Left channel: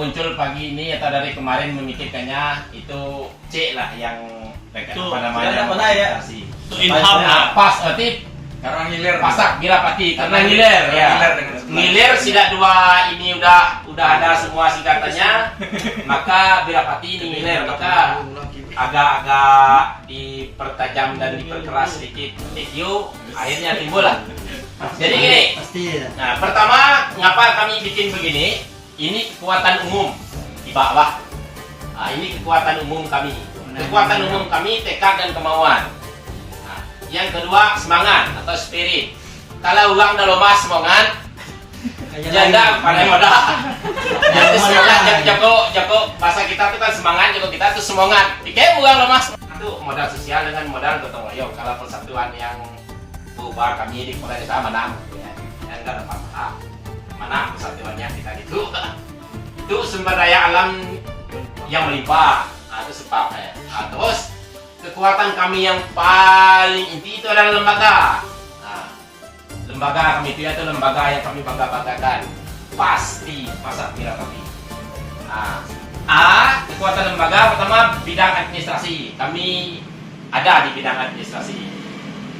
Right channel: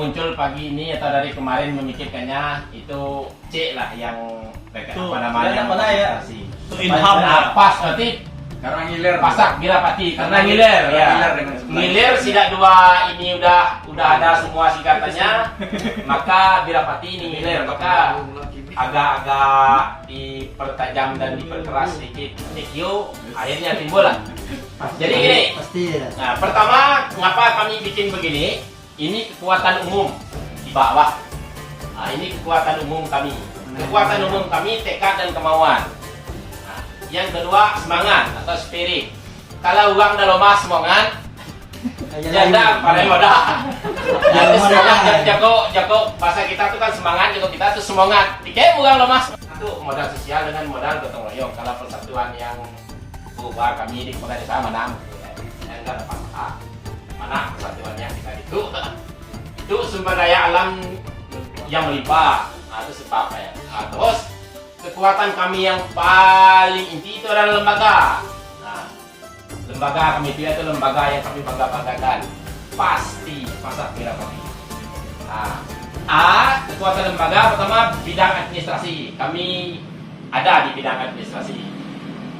muncul pagi ini atau dari kemarin memikirkannya itu C lah yang apa namanya pas berarti karena ngiler pasak Birapati karena ngiler ya. Ngiler sila dua ini udah ada semua singkatannya, maka Birapati ini ngiler, maka agak-agak dipertajam dan diperkeras sedikit TQ, akhirnya timbul lah. Jadi gini, nah pertama ngapa kami bikin begini? Ini kekuatan umum di bawah. Nah, ini kekuatan umum kami. Kekuatan umum kami tekad dan kemauan. Nah, yang kedua semangat atau spirit. Kalau uang dah lemas semangat, janda pada modal. Jadi semangat jago bahasa kita tuh kan semangat, jago kita tuh semangat. Dikit uang lemas. Itu modal sosial dengan modal gotong royong. Kalau persatuan yang berubah kami di kepala desa mana ya, yang enggak dapat mana persatuannya kita itu sumber daya alam yang melimpah. Nah, itu sebabnya. Nah, terus kekuatan kami yang paling inti itu adalah lembaga. Nah, lembaga kami itu lembaga yang kami bangga-banggakan. Pasti Pasar Birapati. Nah, kekuatan lembaga pertama bidang administrasi. Kami ada di bidang administrasi.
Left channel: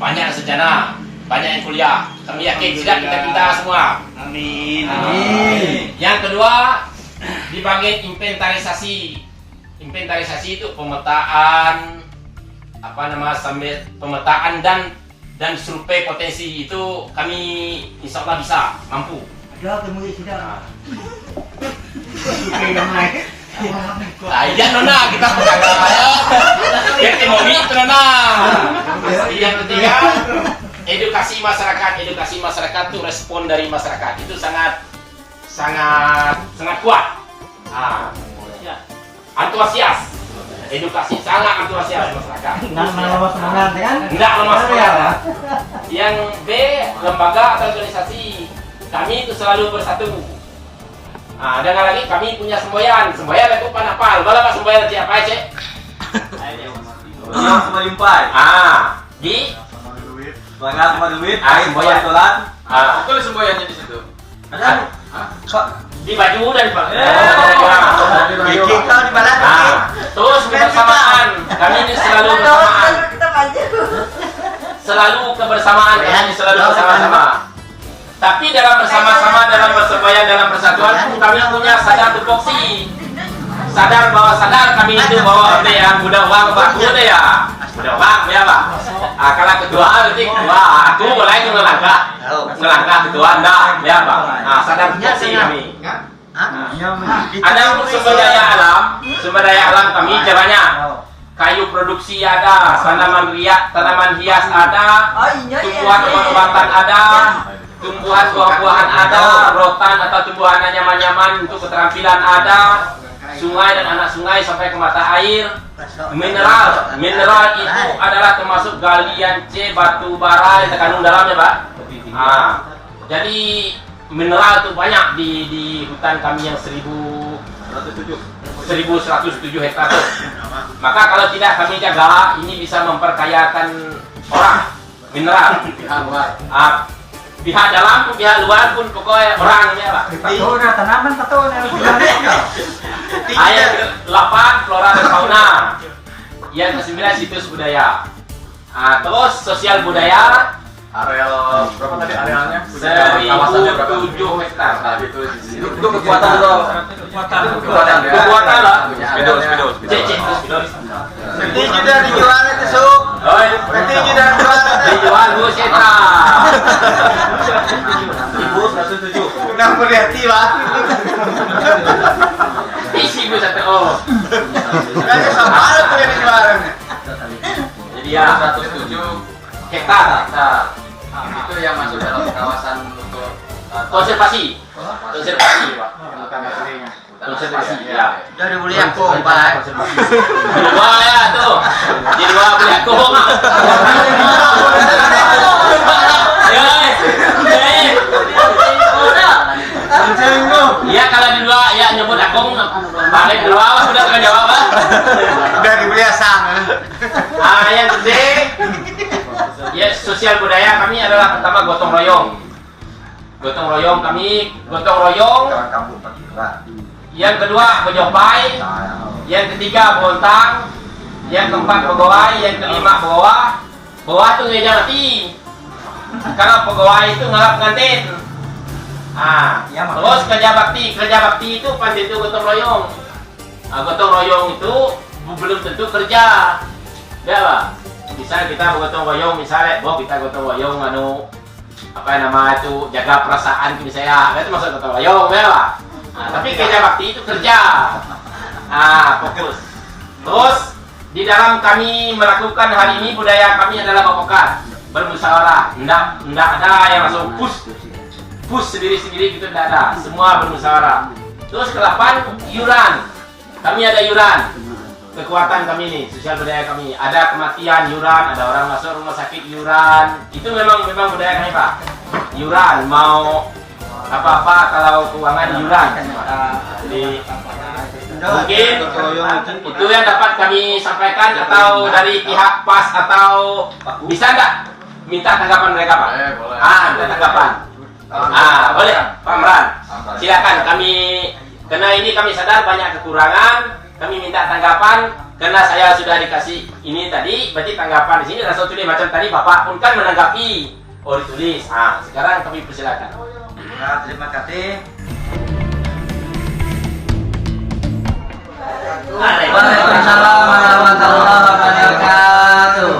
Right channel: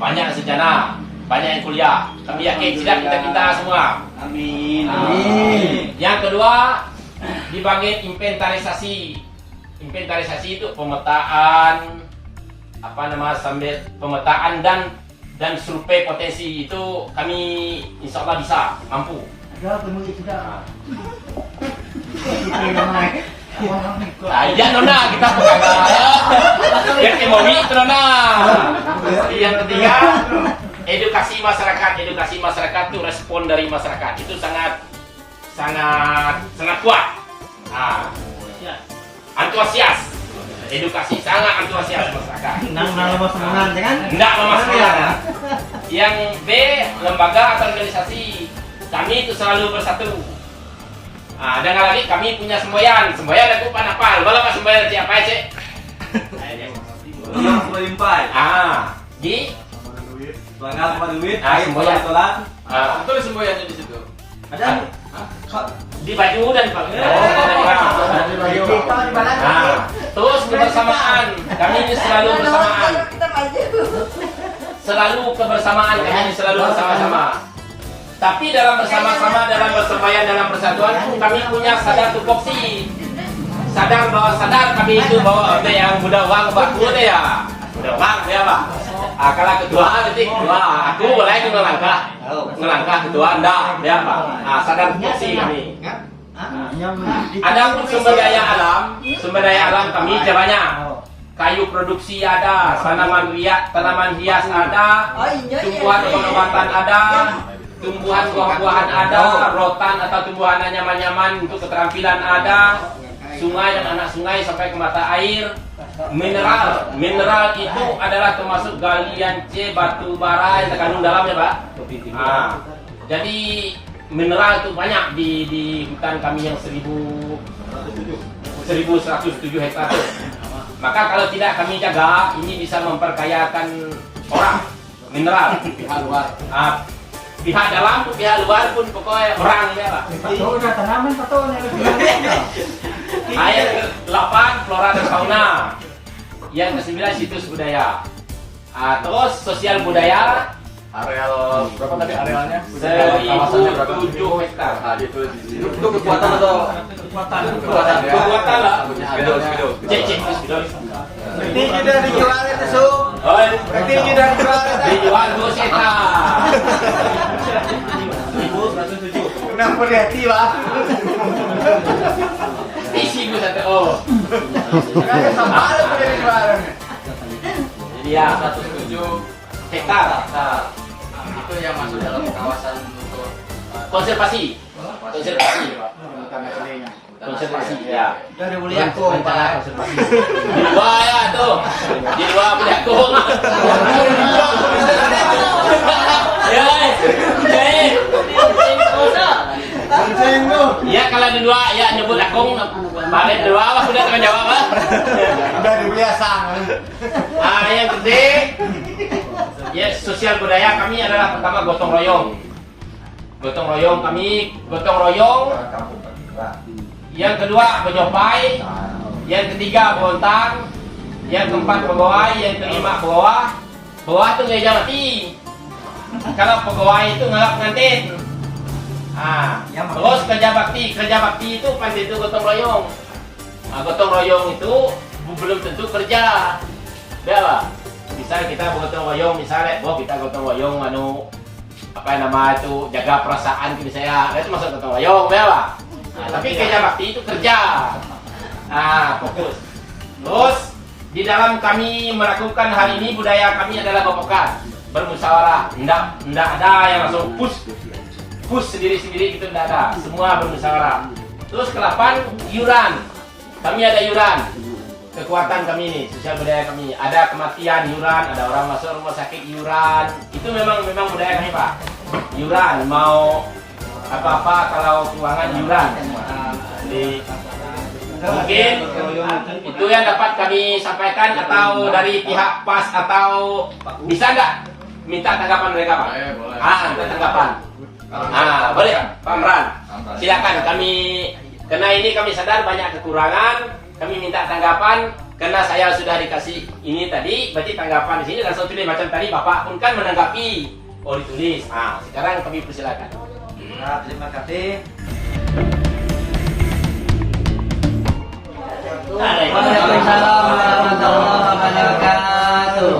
Banyak sarjana, banyak yang kuliah. Kami yakin tidak kita semua. Amin. Yang kedua di bagian inventarisasi. Inventarisasi itu pemetaan sambil pemetaan dan survei potensi itu kami insya Allah bisa mampu. Ada temu tidak. Iya nona kita pegang ya. Yang mau itu nona. Yang ketiga edukasi masyarakat itu respon dari masyarakat itu sangat kuat. Antusias, edukasi sangat antusias masyarakat. Enggak lemas semangat kan? Enggak lemas semangat. Yang B lembaga atau organisasi kami itu selalu bersatu. Dan lagi kami punya semboyan itu panapal. Bala pak semboyan siapa cek? Di Semangat sama duit, semboyan sholat. Itu semboyannya di situ. Ada di baju dan kita di mana? Terus kebersamaan kami ini selalu bersamaan. Kami selalu bersama-sama. Tapi dalam bersama-sama, dalam bersembahyang, dalam persatuan kami punya sadar tupoksi. Sadar kami itu bahwa ada yang mudah uang ke baku ada ya. Mudah uang ya Pak. Kalau ketua berarti ketua, aku mulai melangkah ketua Anda ya Pak. Sadar tupoksi kami. Ada untuk sumber daya alam kami caranya. Kayu produksi ada, tanaman hias ada, tumbuhan obat-obatan ada, tumbuhan buah-buahan ada, rotan atau tumbuhan nyaman-nyaman untuk keterampilan ada, sungai dan anak sungai sampai ke mata air, mineral itu adalah termasuk galian C, batu bara yang terkandung dalamnya Pak. Jadi mineral itu banyak di hutan kami yang 1107 hektar. Maka kalau tidak kami jaga, ini bisa memperkayakan orang mineral. Pihak dalam pun pihak luar pun pokoknya orang ini Pak. Patona tanaman patona. Ayat 8 flora dan fauna. Yang ke-9 situs budaya. Terus sosial budaya. Areal berapa tadi arealnya? 1.007 hektar. Itu kekuatan atau kekuatan lah. Spidol. Berarti sudah dijual itu Suk. Berarti sudah Dijual Bu Seta. 1107. Kenapa berhati Pak? Isi Bu Seta. Oh. Kan sama ada punya dijual. Jadi ya 107 hektar. Itu yang masuk dalam kawasan untuk Konservasi Pak. Konservasi ya. Sudah dibeli aku Pak. Di dua ya tuh. Di dua beli aku. Ya kalau di dua ya nyebut aku. Balik dua apa sudah tengah jawab Pak. Sudah dibeli asang. Yang penting ya sosial budaya kami adalah pertama gotong royong. Gotong royong yang kedua Bojopai, yang ketiga Bontang, yang keempat Pegawai, yang kelima Bawah. Bawah itu gereja mati. Kalau Pegawai itu ngalap pengantin. Terus kerja bakti itu pasti itu gotong royong. Gotong royong itu belum tentu kerja, ya lah. Bisa kita gotong royong misalnya, kita gotong royong apa nama itu jaga perasaan misalnya, itu masuk gotong royong, ya lah. Tapi kerja bakti itu kerja. Fokus. Terus di dalam kami melakukan hari ini budaya kami adalah bapokan, bermusyawarah. Ndak ada yang langsung push sendiri-sendiri gitu, tidak ada. Semua bermusyawarah. Terus ke-8 iuran. Kami ada iuran. Kekuatan kami ini, sosial budaya kami. Ada kematian iuran, ada orang masuk rumah sakit iuran. Itu memang budaya kami, Pak. Iuran, mau apa-apa kalau keuangan iuran. Jadi mungkin itu yang dapat kami sampaikan, atau dari pihak PAS, atau bisa nggak minta tanggapan mereka, Pak? Boleh. Minta tanggapan. Boleh, Pak Meran. Silakan, karena ini kami sadar banyak kekurangan, kami minta tanggapan. Karena saya sudah dikasih ini tadi, berarti tanggapan di sini langsung tulis macam tadi Bapak pun kan menanggapi. Ditulis. Sekarang kami persilakan. Terima kasih. Waalaikumsalam warahmatullahi wabarakatuh.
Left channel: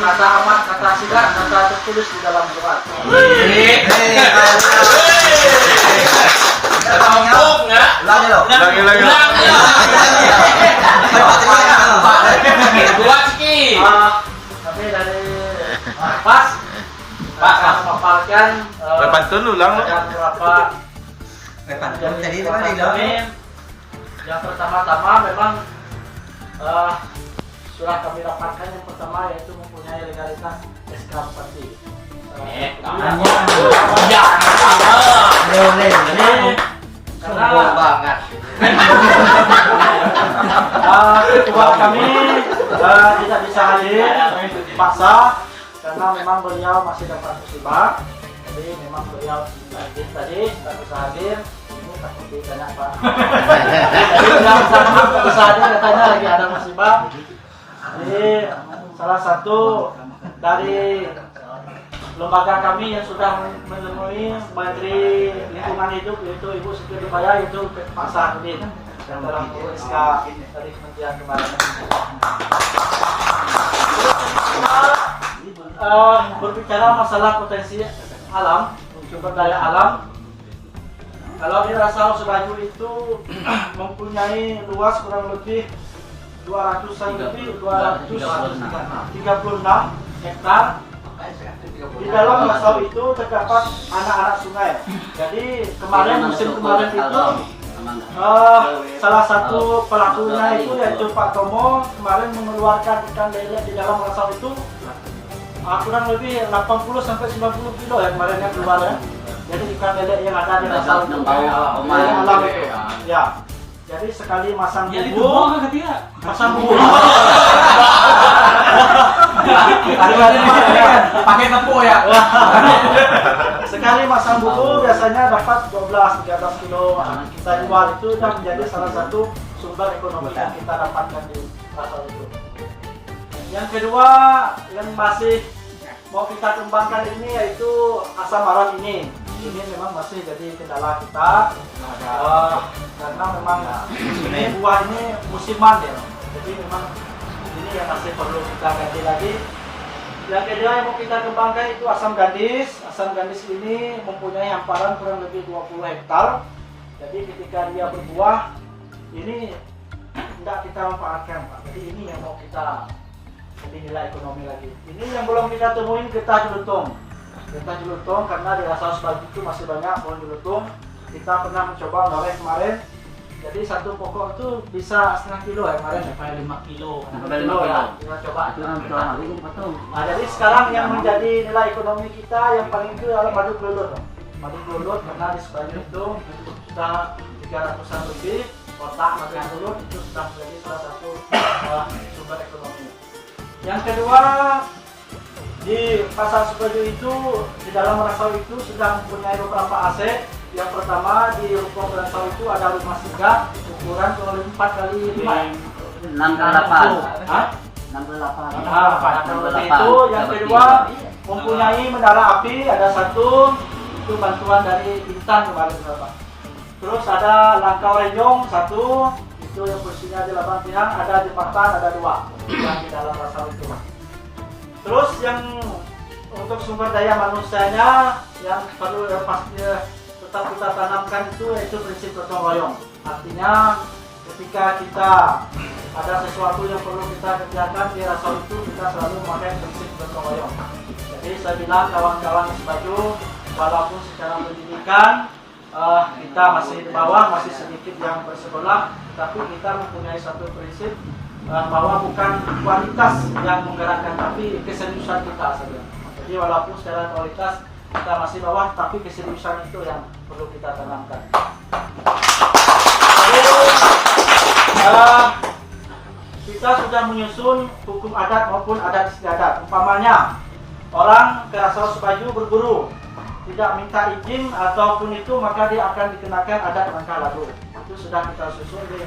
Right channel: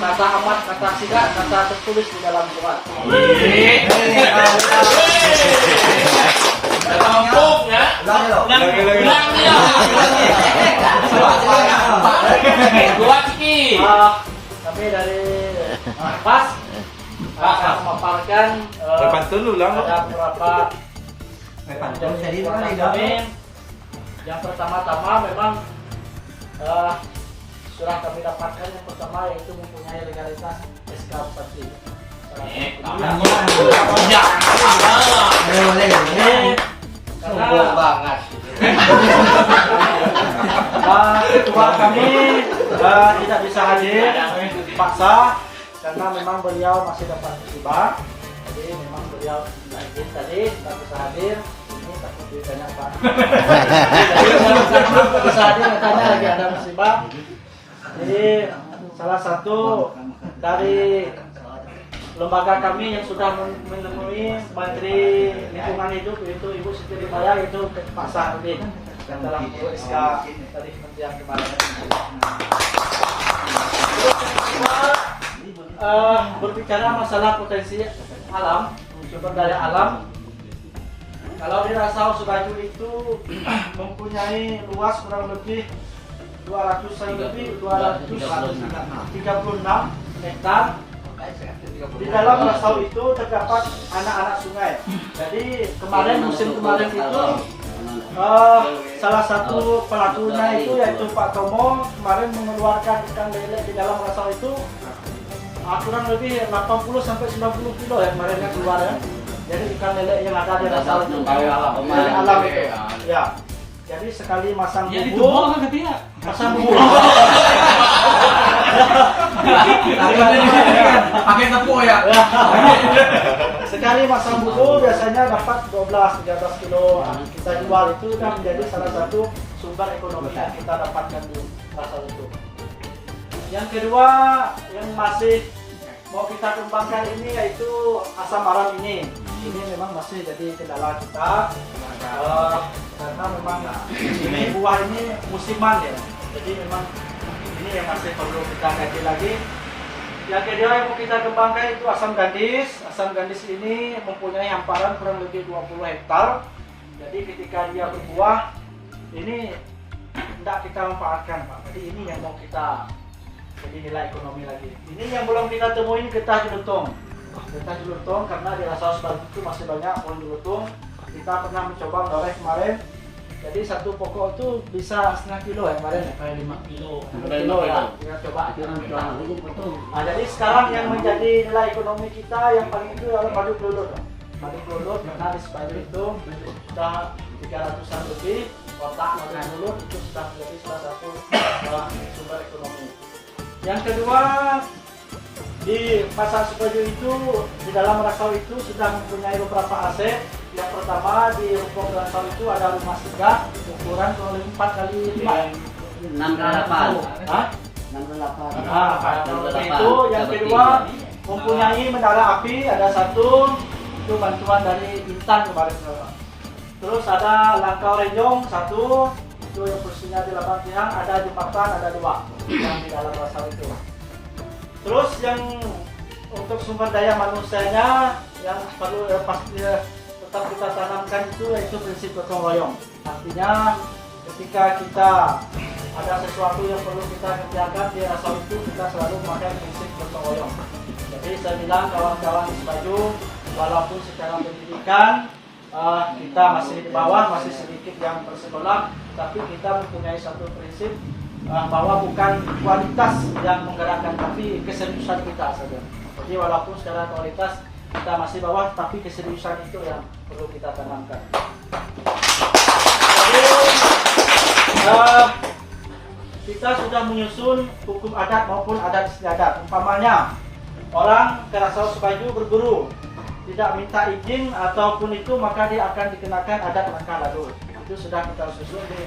Kata amat, kata sirat, kata tertulis di dalam Quran. Kata hukum nggak? Lagi. Buat sikit. Kami dari PAS memaparkan Pantun ulang. ada beberapa kami. Yang pertama-tama memang sudah kami dapatkan, yang pertama yaitu mempunyai legalitas SK Bupati. Sombong banget. Ketua kami tidak bisa hadir, paksa karena memang beliau masih dapat musibah. Jadi memang beliau hadir tadi tidak bisa hadir. Ini takut ditanya Pak. Jadi tidak bisa hadir katanya lagi ada musibah. Jadi salah satu dari lembaga kami yang sudah menemui Menteri Lingkungan Hidup yaitu Ibu Siti Nurbaya, yaitu Pak Saharudin yang dalam SK dari Kementerian kemarin. Berbicara masalah potensi alam, sumber daya alam. Kalau di Rasau Sebayu itu mempunyai luas kurang lebih 236 hektar. Di dalam Rasau itu terdapat anak-anak sungai. Jadi musim kemarin itu salah satu pelakunya itu yaitu Pak Tomo kemarin mengeluarkan ikan lele di dalam Rasau itu kurang lebih 80 sampai 90 kilo ya kemarin yang keluar ya. Jadi ikan lele yang ada di Rasau itu dari alam itu. Ya. Jadi sekali masang bumbu, Pakai tepung ya. sekali masang bumbu biasanya dapat 12-13 kilo. Kita jual itu dan menjadi salah satu sumber ekonomi yang kita dapatkan di Rasau itu. Yang kedua yang masih mau kita kembangkan ini yaitu asam maran ini. Ini memang masih jadi kendala kita. Karena memang ini buah ini musiman ya, jadi memang ini yang masih perlu kita kaji lagi. Yang kedua yang mau kita kembangkan itu asam gandis. Asam gandis ini mempunyai hamparan kurang lebih 20 hektar. Jadi ketika dia berbuah ini tidak kita manfaatkan, Pak. Jadi ini yang mau kita jadi nilai ekonomi lagi. Ini yang belum kita temuin getah jelutung. Getah jelutung karena di Rasau Sebayu itu masih banyak pohon jelutung. Kita pernah mencoba ngorek kemarin. Jadi satu pokok itu bisa setengah kilo ya kemarin ya, kayak 5 kilo. 5 kilo ya, kita coba. Nah, jadi sekarang yang menjadi nilai ekonomi kita yang paling itu adalah madu kelulut. Madu kelulut karena di Sebayu itu sudah 300-an lebih kotak madu kelulut, itu sudah menjadi salah satu sumber ekonomi. Yang kedua Di pasar Sukoharjo itu, di dalam Rasau itu sudah mempunyai beberapa aset. Yang pertama di Rukun Rasau itu ada rumah singgah ukuran kurang lebih 4 kali 5. 68. Hah? 68. Nah, itu yang kedua mempunyai menara api ada satu, itu bantuan dari Intan kemarin. Terus ada Langkau Renjong satu, itu yang posisinya di Labang Pinang, ada jembatan ada 2 yang di dalam Rasau itu. Terus yang untuk sumber daya manusianya yang perlu pastinya tetap kita tanamkan itu yaitu prinsip gotong royong. Artinya ketika kita ada sesuatu yang perlu kita kerjakan di Rasau itu kita selalu memakai prinsip gotong royong. Jadi saya bilang kawan-kawan di Baju, walaupun secara pendidikan kita masih di bawah, masih sedikit yang bersekolah, tapi kita mempunyai satu prinsip bahwa bukan kualitas yang menggerakkan, tapi keseriusan kita saja. Jadi walaupun secara kualitas kita masih bawah, tapi keseriusan itu yang perlu kita tanamkan. Jadi kita sudah menyusun hukum adat maupun adat istiadat. Umpamanya orang ke Rasau Sebaju berburu, tidak minta izin ataupun itu, maka dia akan dikenakan adat langkah lalu. Itu sudah kita susun di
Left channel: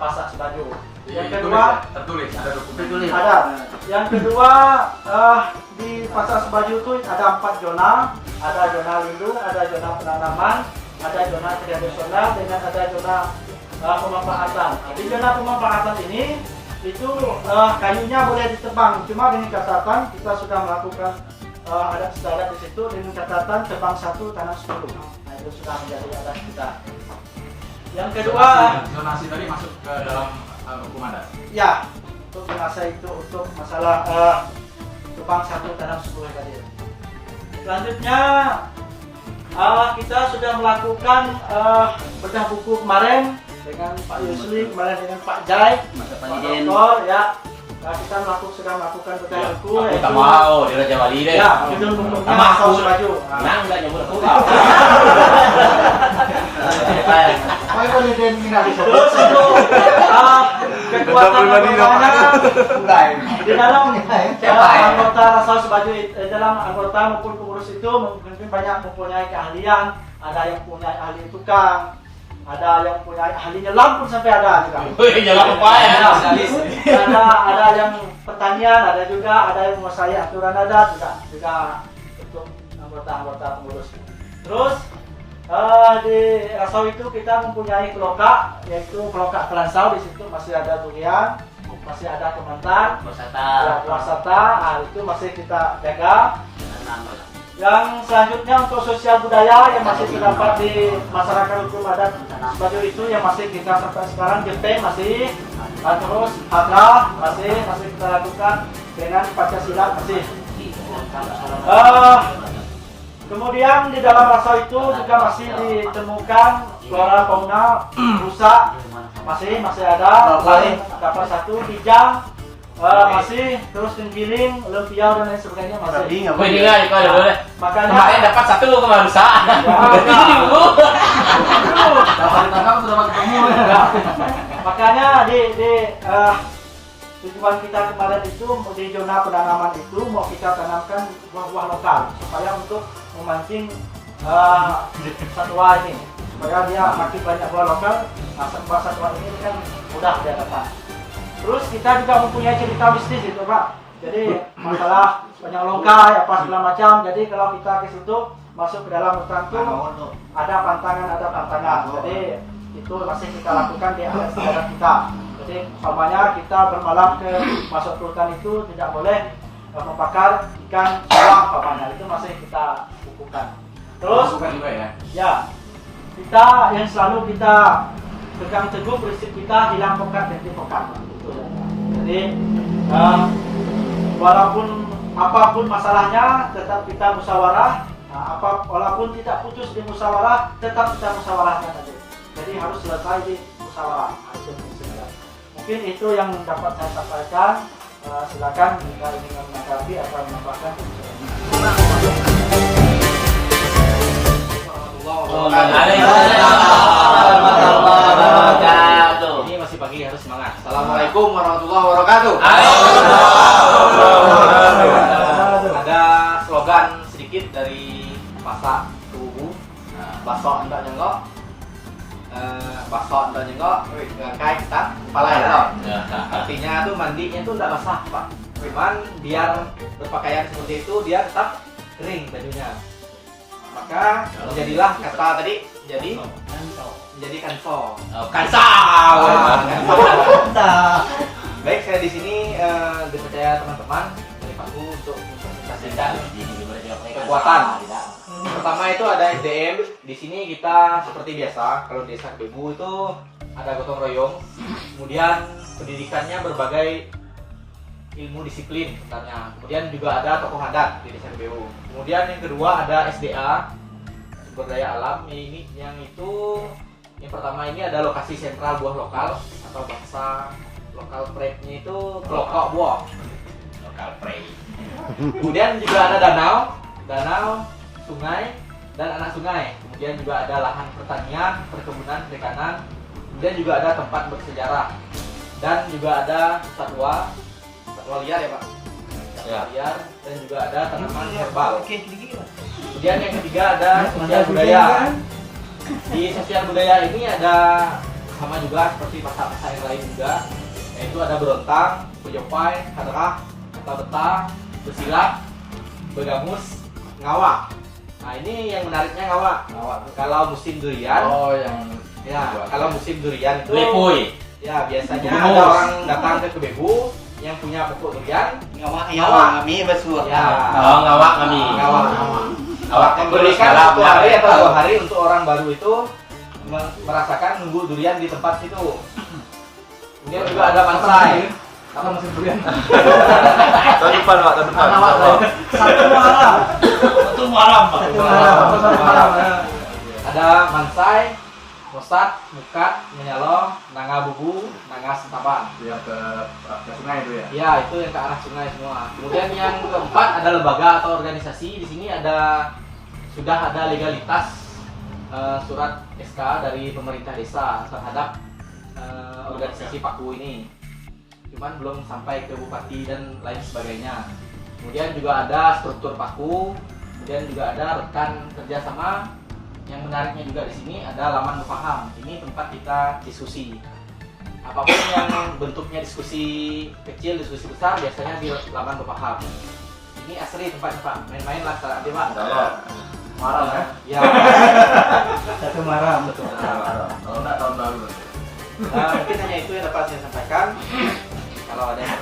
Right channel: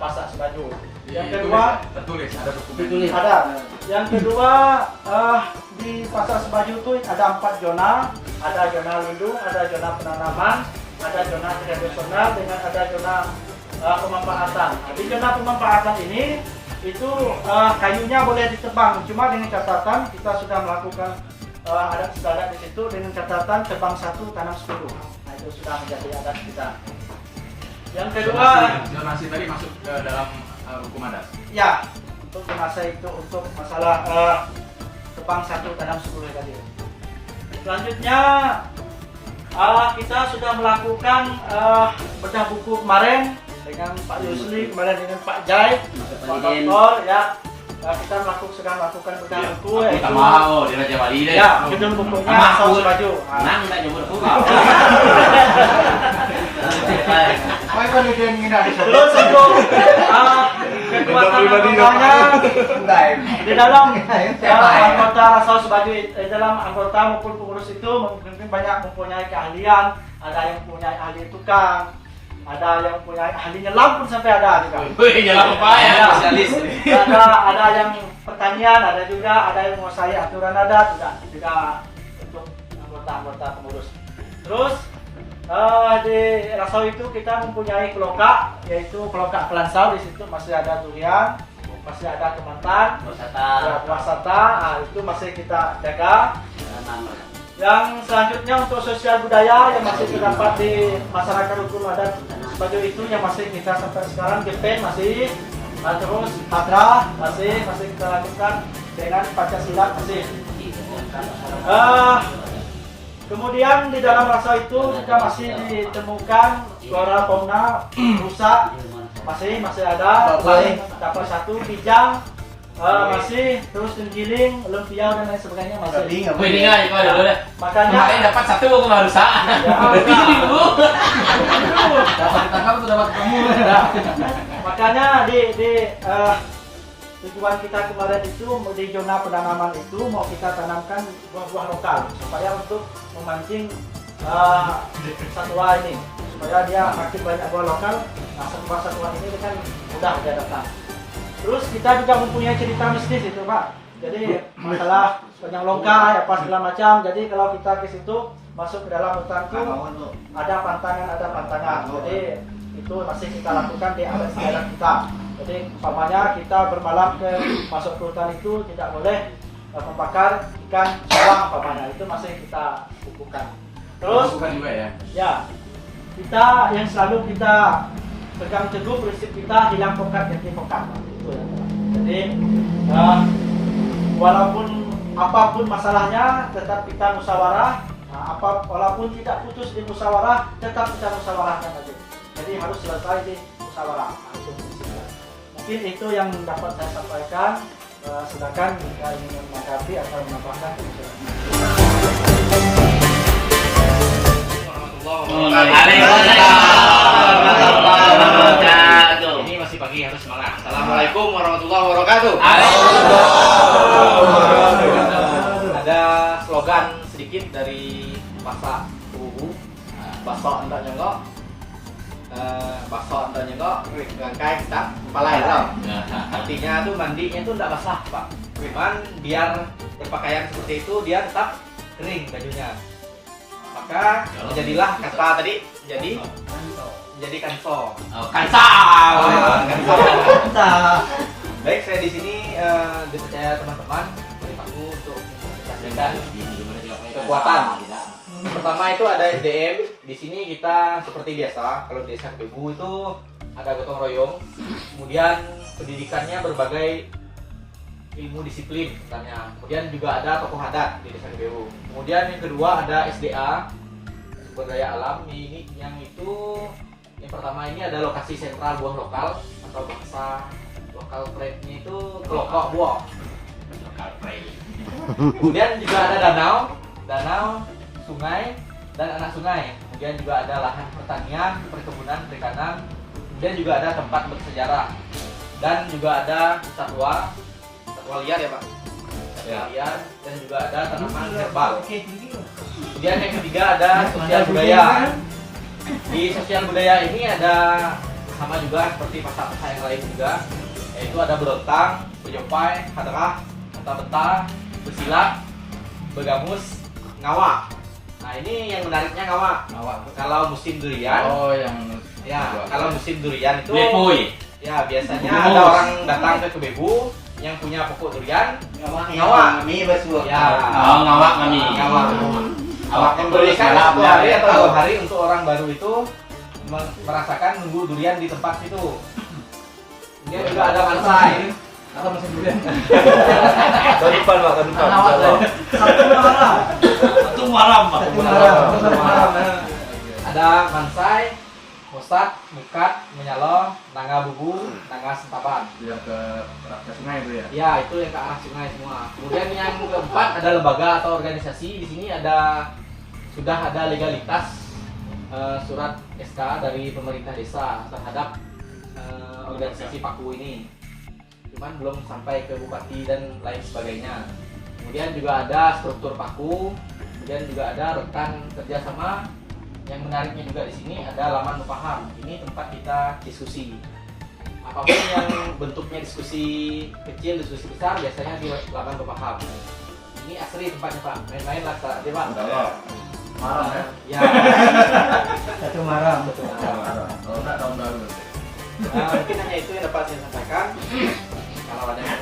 pasar Sebaju. Yang kedua tertulis ada dokumen. ada. Yang kedua di pasar Sebaju itu ada 4 zona, ada zona lindung, ada zona penanaman, ada zona tradisional, dengan ada zona pemanfaatan. Nah, di zona pemanfaatan ini itu kayunya boleh ditebang, cuma dengan catatan kita sudah melakukan adat istiadat di situ dengan catatan tebang 1 tanam 10. Nah, itu sudah menjadi adat kita. Yang kedua, Zonasi tadi masuk ke dalam hukum adat. ya, untuk jenazah itu untuk masalah tebang 1 tanam 10 tadi. Selanjutnya kita sudah melakukan bedah buku kemarin dengan Pak Yusli, kemarin dengan Pak Jai, Pak Doktor, ya. Kita sudah melakukan bedah buku. Aku tak mau di Raja Wali deh. Ya, judul bukunya Sama Rasau aku. Sebaju. Nang tak nyebut aku. Terus untuk kekuatan anggotanya di dalam anggota Rasau Sebaju, dalam anggota maupun pengurus itu mungkin banyak mempunyai keahlian. Ada yang punya ahli tukang, ada yang punya ahli nyelam pun sampai ada juga. Wih, jalan apa ya? Ada yang pertanian, ada juga ada yang menguasai aturan adat juga untuk anggota pengurus. Terus di Rasau itu kita mempunyai keloka, yaitu keloka Kelansau. Di situ masih ada durian, masih ada kementan, ya, buah sata. Nah, itu masih kita jaga. Yang selanjutnya untuk sosial budaya yang masih terdapat di masyarakat hukum adat Sebaju itu yang masih kita sampai sekarang, Jepang masih, terus Padra masih kita lakukan, dengan Pancasila masih. Kemudian di dalam Rasau itu juga masih ditemukan flora fauna rusa, masih ada, dapat 1 bijang. Masih, terus tenggiling, lempiau dan lain sebagainya masih. Wih, ini kan itu ada dulu deh. Makanya Kemarin dapat 1 lo kemarin rusak. Berarti itu dulu. Dapat ditangkap atau dapat ketemu? makanya di tujuan kita kemarin itu di zona penanaman itu mau kita tanamkan buah-buah lokal supaya untuk memancing satwa ini, supaya dia makin banyak buah lokal. Nah, satwa ini kan mudah dia datang. Terus kita juga mempunyai cerita mistis itu Pak. Jadi masalah banyak longkai apa segala macam. Jadi kalau kita ke situ masuk ke dalam hutan itu ada pantangan. Jadi itu masih kita lakukan di adat kita. Jadi umpamanya kita bermalam masuk ke hutan itu tidak boleh membakar ikan sawah umpamanya, itu masih kita bukukan. Terus Bukan juga ya. ya, kita yang selalu kita pegang teguh prinsip kita hilang pokat ganti pokat. Jadi walaupun apapun masalahnya tetap kita musyawarah. Walaupun tidak putus di musyawarah tetap kita musyawarahkan aja. Jadi harus selesai di musyawarah. Mungkin itu yang dapat saya sampaikan. Silakan jika ingin menanggapi atau menambahkan. Ini masih pagi, harus semangat. Assalamualaikum warahmatullahi wabarakatuh. Waalaikumsalam. slogan sedikit dari masak tubuh. Basok ndak nyengok. Basok ndak nyengok, kai tak palai tau. Artinya tuh mandinya tuh ndak basah, Pak. Cuman biar berpakaian seperti itu dia tetap kering bajunya. Maka jadilah kata tadi jadi kanto. Kansau. Baik, saya di sini dipercaya teman-teman dari Paku untuk mempresentasikan kekuatan. Pertama itu ada SDM. Di sini kita seperti biasa, kalau di desa Kebebu itu ada gotong royong. Kemudian pendidikannya berbagai ilmu disiplin misalnya. Kemudian juga ada tokoh adat di desa Kebebu. Kemudian yang kedua ada SDA, sumber daya alam. Ini yang pertama ini ada lokasi sentral buah lokal atau bahasa lokal pride-nya itu kelokok buah. Lokal pride. Kemudian juga ada danau, sungai, dan anak sungai. Kemudian juga ada lahan pertanian, perkebunan, perikanan. Kemudian juga ada tempat bersejarah. Dan juga ada satwa liar ya Pak. Satwa liar, dan juga ada tanaman herbal. Kemudian yang ketiga ada sosial budaya. Di sosial budaya ini ada sama juga seperti pasar-pasar yang lain juga, yaitu ada berontang, bejopai, hadrah, kata betah, bersilat, begamus, ngawak. Nah ini yang menariknya ngawak. Kalau musim durian, kalau musim durian itu, Lepoy. ya biasanya ada orang datang ke Kebebu yang punya pokok durian, ngawak. Kami bersuara. Ya, Ngawak kami. ngawak. Awak Memberikan 1 hari atau 2 hari untuk orang baru itu merasakan nunggu durian di tempat itu. Kemudian juga ada mansai. Apa musim durian? Tahun depan Pak, tahun depan. insyaallah. Satu malam, Pak. Ada mansai, mosat, mukat, menyalong, nanga bubu, nanga sentaban. Dia ke sungai itu ya. Ya, itu yang ke arah sungai semua. Kemudian yang keempat ada lembaga atau organisasi. Di sini sudah ada legalitas surat SK dari pemerintah desa terhadap organisasi Paku ini. Cuman belum sampai ke bupati dan lain sebagainya. Kemudian juga ada struktur Paku. Kemudian juga ada rekan kerjasama. Yang menariknya juga di sini ada laman Mufaham. Ini tempat kita diskusi. Apapun yang bentuknya diskusi kecil, diskusi besar, biasanya di laman Mufaham. Ini asri tempatnya Pak. Main-main lah Pak. Malam ya. Ya. Satu malam. Betul. Kalau enggak tahun baru. Nah, mungkin hanya itu yang dapat saya sampaikan. Kalau ada yang